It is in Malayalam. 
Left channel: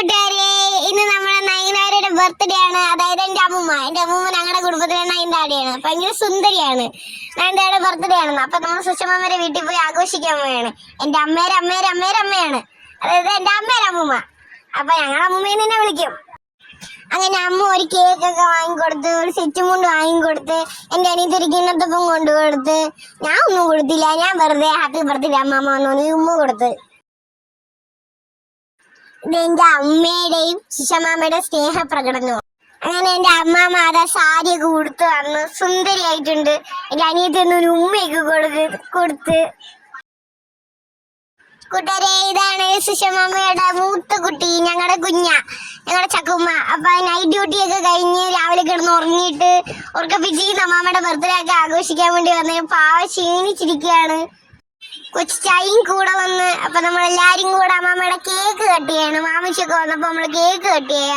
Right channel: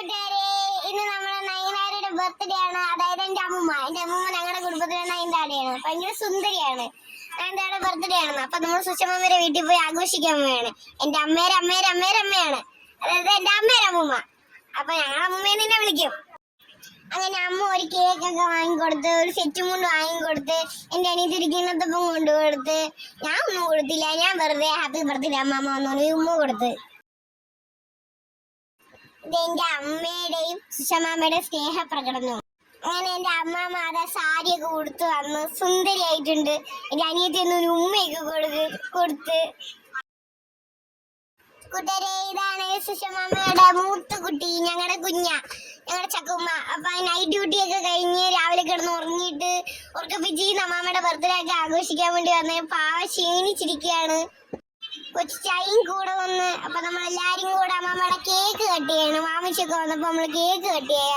കൂട്ടുകാരെ, ഇന്ന് നമ്മുടെ നയനാരുടെ ബർത്ത്ഡേ ആണ്. അതായത് എന്റെ അമ്മൂമ്മ ഞങ്ങളുടെ കുടുംബത്തിലെ നയൻതാരയാണ്. ഭയങ്കര സുന്ദരിയാണ്. നയൻതാരയുടെ ബർത്ത്ഡേ ആണെന്ന്. അപ്പൊ നമ്മൾ സുഷമാമ്മയുടെ വീട്ടിൽ പോയി ആഘോഷിക്കാൻ പോവുകയാണ്. എന്റെ അമ്മയുടെ അമ്മയാണ്, അതായത് എന്റെ അമ്മയുടെ അമ്മൂമ്മ. അപ്പൊ ഞങ്ങളുടെ അമ്മൂമ്മയെ തന്നെ വിളിക്കും. അങ്ങനെ അമ്മ ഒരു കേക്ക് ഒക്കെ വാങ്ങിക്കൊടുത്ത്, ഒരു സെറ്റ് മുണ്ട് വാങ്ങിക്കൊടുത്ത്, എന്റെ അനിയത്തി ഒരു കിണ്ണത്തപ്പം കൊണ്ടുകൊടുത്ത്. ഞാൻ ഒന്നും കൊടുത്തില്ല, ഞാൻ വെറുതെ ഹാപ്പി ബർത്ത്ഡേ അമ്മമ്മ വന്നു ഉമ്മ കൊടുത്ത്. ഇത് എന്റെ അമ്മയുടെയും സുഷമാമ്മയുടെ സ്നേഹപ്രകടനവും. അങ്ങനെ എന്റെ അമ്മാമ്മ അതാ സാരിയൊക്കെ ഉടുത്ത് വന്ന് സുന്ദരിയായിട്ടുണ്ട്. എന്റെ അനിയത്തി ഒന്നും ഒരു ഉമ്മയൊക്കെ കൊടുത്ത്. കൂട്ടുകാരെ, ഇതാണ് സുഷമാമ്മയുടെ മൂത്ത കുട്ടി, ഞങ്ങളുടെ ഞങ്ങളുടെ ചക്കുമ്മ. അപ്പൊ നൈറ്റ് ഡ്യൂട്ടി ഒക്കെ കഴിഞ്ഞ് രാവിലെ കിടന്ന് ഉറങ്ങിയിട്ട് ഉറക്കപ്പിച്ചിരിക്കുന്ന അമ്മാമ്മയുടെ ബർത്ത്ഡേ ഒക്കെ ആഘോഷിക്കാൻ വേണ്ടി വന്ന് പാവ ക്ഷീണിച്ചിരിക്കുകയാണ്. കൊച്ചു ചായയും കൂടെ വന്ന്. അപ്പൊ നമ്മളെല്ലാരും കൂടെ അമ്മാമ്മയുടെ കേക്ക് കട്ട് ചെയ്യാണ്. മാമിച്ചൊക്കെ വന്നപ്പോ നമ്മള് കേക്ക് കട്ട് ചെയ്യാണ്.